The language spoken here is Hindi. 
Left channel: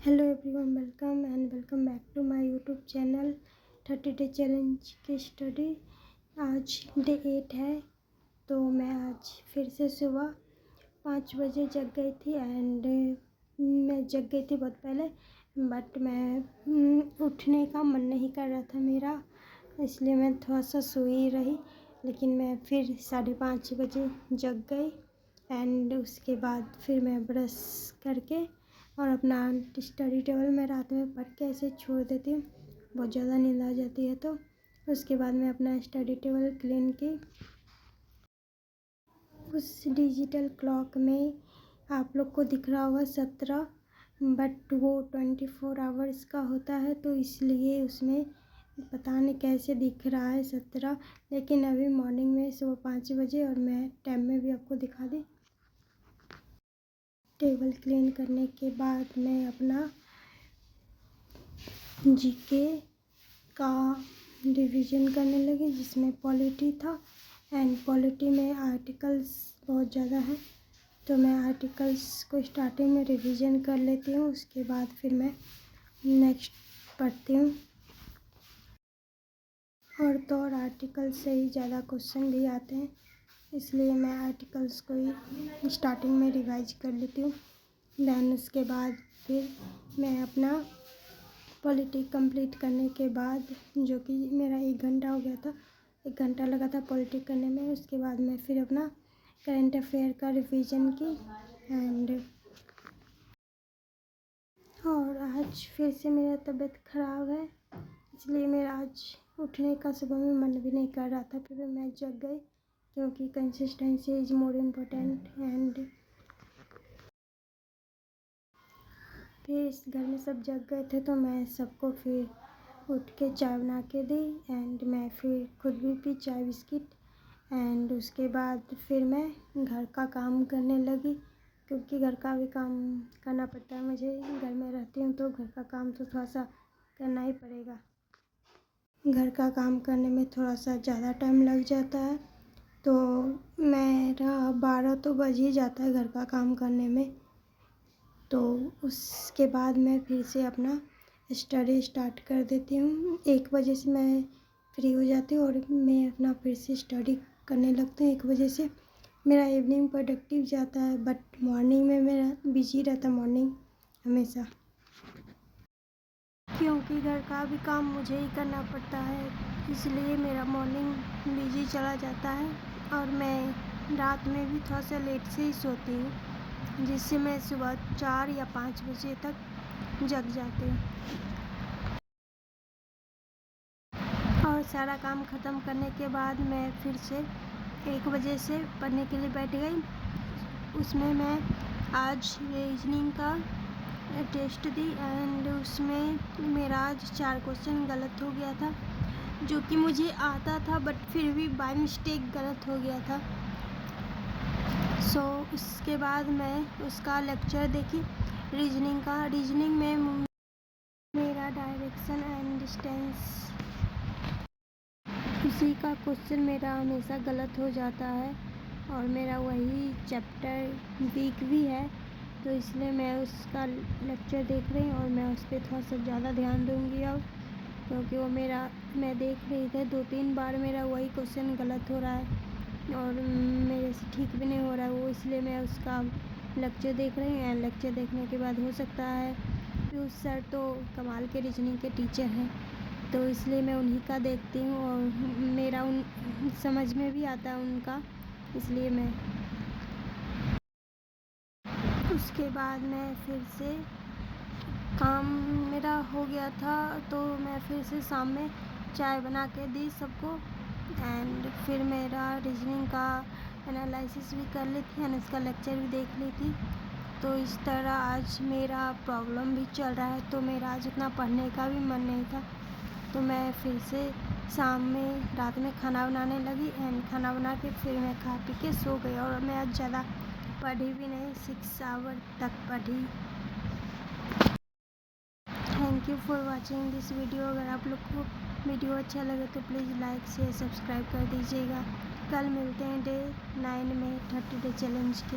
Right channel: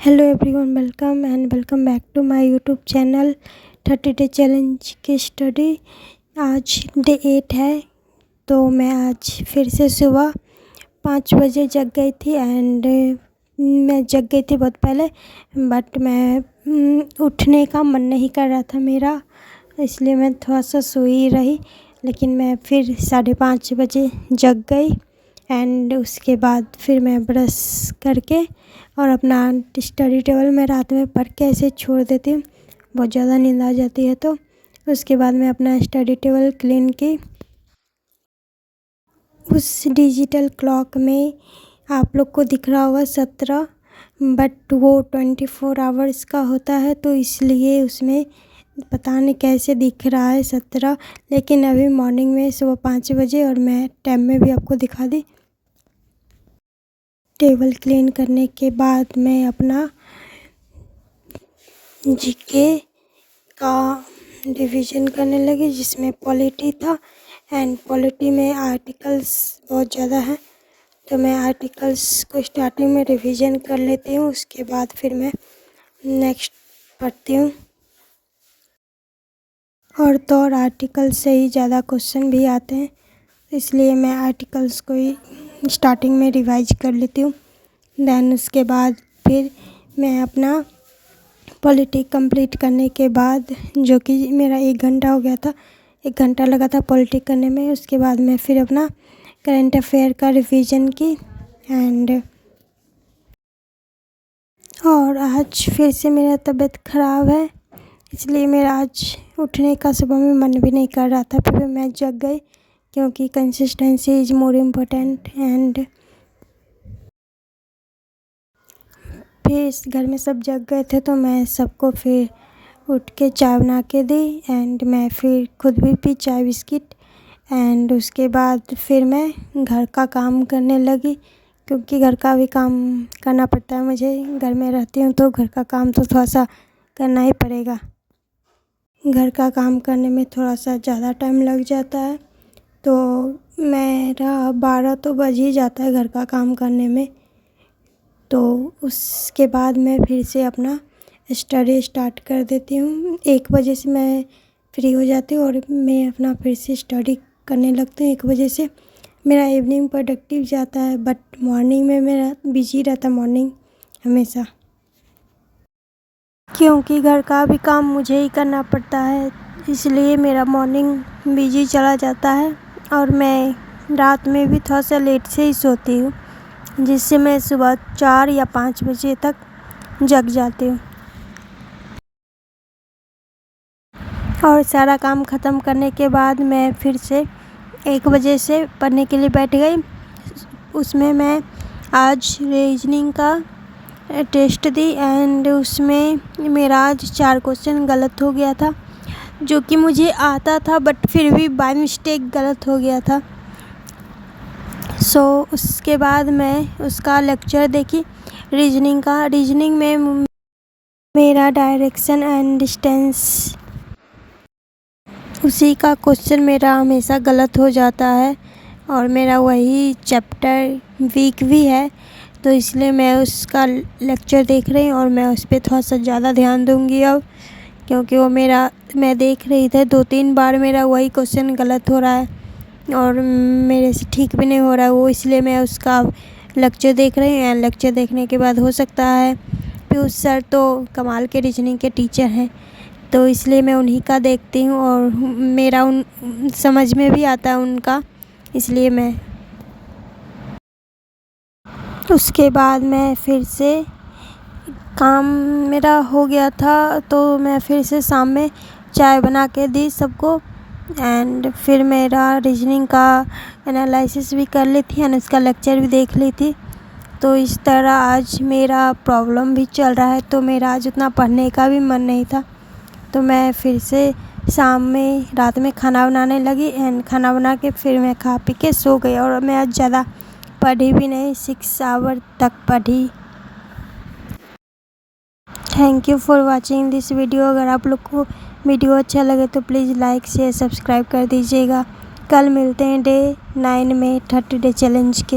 Hello everyone, welcome back to my YouTube channel 30 day challenge की स्टडी। आज डे 8 है। तो मैं आज फिर से सुबह 5 बजे जग गई थी एंड मैं जग गई थी बहुत पहले, बट मैं उठने का मन नहीं कर रहा था मेरा, इसलिए मैं थोड़ा सा सोई रही। लेकिन मैं फिर 5:30 बजे जग गई एंड उसके बाद फिर मैं ब्रश करके और अपना स्टडी टेबल में रात में पढ़ के ऐसे छोड़ देती हूँ। बहुत ज़्यादा नींद आ जाती है तो उसके बाद मैं अपना स्टडी टेबल क्लीन की। उस डिजिटल क्लॉक में आप लोग को दिख रहा होगा 17, बट वो 24 आवर्स का होता है, तो इसलिए उसमें पता नहीं कैसे दिख रहा है 17। लेकिन अभी मॉर्निंग में सुबह 5 बजे और मैं टाइम में भी आपको दिखा दी। टेबल क्लीन करने के बाद मैं अपना जीके का रिवीजन करने लगी, जिसमें पॉलिटी था एंड पॉलिटी में आर्टिकल्स बहुत ज़्यादा हैं, तो मैं आर्टिकल्स को स्टार्टिंग में रिवीजन कर लेती हूँ। उसके बाद फिर मैं नेक्स्ट पढ़ती हूँ। और आर्टिकल से ही ज़्यादा क्वेश्चन भी आते हैं, इसलिए मैं आर्टिकल्स को ही स्टार्टिंग में रिवाइज कर लेती हूँ। देन उसके बाद फिर मैं अपना पॉलिटी कंप्लीट करने के बाद, जो कि मेरा 1 घंटा हो गया था, 1 घंटा लगा था पॉलिटी करने में। उसके बाद मैं फिर अपना करंट अफेयर का रिवीजन की और आज फिर से मेरा तबीयत ख़राब है, इसलिए मेरा आज उठने का सुबह में मन भी नहीं कर रहा था। फिर मैं जग गई क्योंकि consistency is more important. And फिर इस घर में सब जग गए थे, तो मैं सबको फिर उठ के चाय बना के दी एंड मैं फिर खुद भी पी चाय बिस्किट। एंड उसके बाद फिर मैं घर का काम करने लगी, क्योंकि घर का भी काम करना पड़ता है मुझे। घर में रहती हूँ तो घर का काम तो थोड़ा सा करना ही पड़ेगा। घर का काम करने में थोड़ा सा ज़्यादा टाइम लग जाता है, तो मेरा 12 तो बज ही जाता है घर का काम करने में। तो उसके बाद मैं फिर से अपना स्टडी स्टार्ट कर देती हूँ। 1 बजे से मैं फ्री हो जाती हूँ और मैं अपना फिर से स्टडी करने लगती हूँ। 1 बजे से मेरा इवनिंग प्रोडक्टिव जाता है, बट मॉर्निंग में मेरा बिजी रहता, मॉर्निंग हमेशा, क्योंकि घर का भी काम मुझे ही करना पड़ता है, इसलिए मेरा मॉर्निंग बिजी चला जाता है। और मैं रात में भी थोड़ा सा लेट से ही सोती हूँ, जिससे मैं सुबह 4 या 5 बजे तक जग जाती हूँ। और सारा काम ख़त्म करने के बाद मैं फिर से 1 बजे से पढ़ने के लिए बैठ गई। उसमें मैं आज रीजनिंग का टेस्ट दी एंड उसमें मेरा आज 4 क्वेश्चन गलत हो गया था, जो कि मुझे आता था, बट फिर भी बाय मिस्टेक गलत हो गया था। उसके बाद मैं उसका लेक्चर देखी रीजनिंग का। रीजनिंग में मेरा डायरेक्शन एंड डिस्टेंस, उसी का क्वेश्चन मेरा हमेशा गलत हो जाता है और मेरा वही चैप्टर वीक भी है, तो इसलिए मैं उसका लेक्चर देख रही हूँ और मैं उस पर थोड़ा सा ज़्यादा ध्यान दूँगी अब, क्योंकि वो मैं देख रही थी 2-3 बार मेरा वही क्वेश्चन गलत हो रहा है और मेरे से ठीक भी नहीं हो रहा है वो, इसलिए मैं उसका लेक्चर देख रही हूँ। लेक्चर देखने के बाद हो सकता है, पीयूष सर तो कमाल के रीजनिंग के टीचर हैं, तो इसलिए मैं उन्हीं का देखती हूँ और मेरा उन समझ में भी आता है उनका, इसलिए मैं उसके बाद मैं फिर से काम मेरा हो गया था, तो मैं फिर से शाम में चाय बना के दी सबको एंड फिर मेरा रीजनिंग का एनालिसिस भी कर ली थी एंड उसका लेक्चर भी देख ली थी। तो इस तरह आज मेरा प्रॉब्लम भी चल रहा है, तो मेरा आज उतना पढ़ने का भी मन नहीं था, तो मैं फिर से शाम में रात में खाना बनाने लगी एंड खाना बना के फिर मैं खा पी के सो गई। और मैं आज ज़्यादा पढ़ी भी नहीं, 6 आवर तक पढ़ी। Thank you for watching this video. अगर आप लोग को वीडियो अच्छा लगे तो प्लीज़ लाइक शेयर सब्सक्राइब कर दीजिएगा। कल मिलते हैं डे 9 में 30 डे चैलेंज के।